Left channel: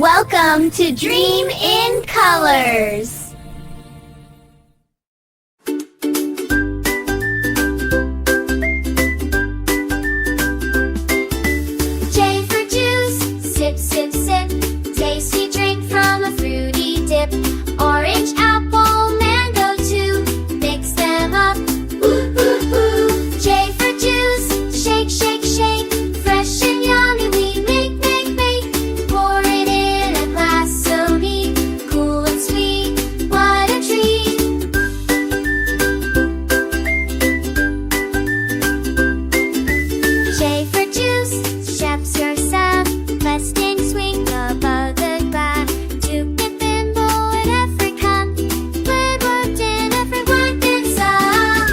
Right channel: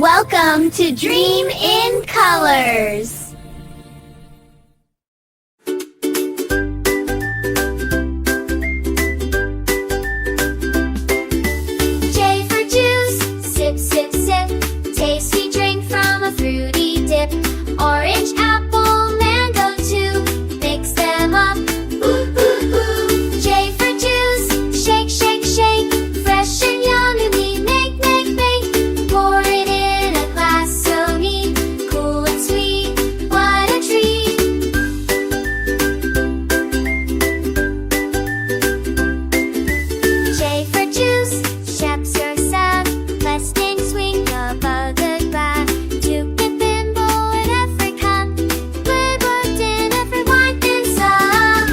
Welcome to Dream in Colors. J for juice, sip, sip, sip. Tasty drink from a fruity dip. Orange, apple, mango too. Mix them up. Ooh, ooh, ooh. J for juice, shake, shake, shake. Fresh and yummy, we make, make, make. Pour it in a glass so neat. Cool and sweet, what a treat. J for juice, shapes yourself. Mustang swing above the bar. Duke and thimble in every cup. Wood worked in every wine and song.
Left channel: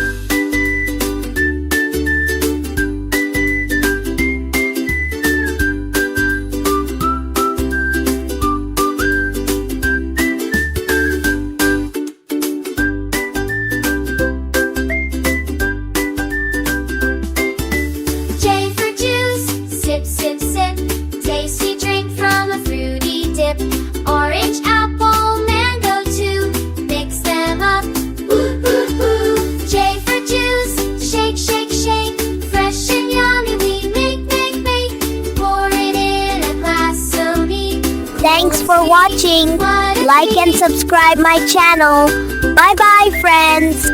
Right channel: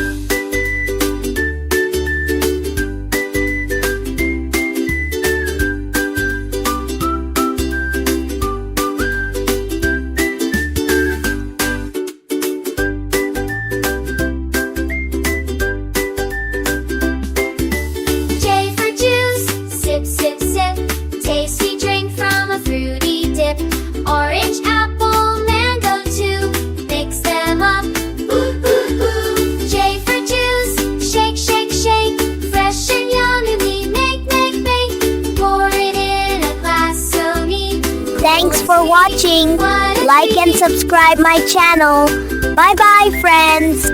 J for juice, sip, sip, sip. Tasty drink from a fruity dip. Orange, apple, mango too. Mix them up. Ooh, ooh, ooh. J for juice, shake, shake, shake. Fresh and yummy, we make, make, make. Pour it in a glass so neat. Thanks for watching. Like and subscribe my channel. Bye bye, friends.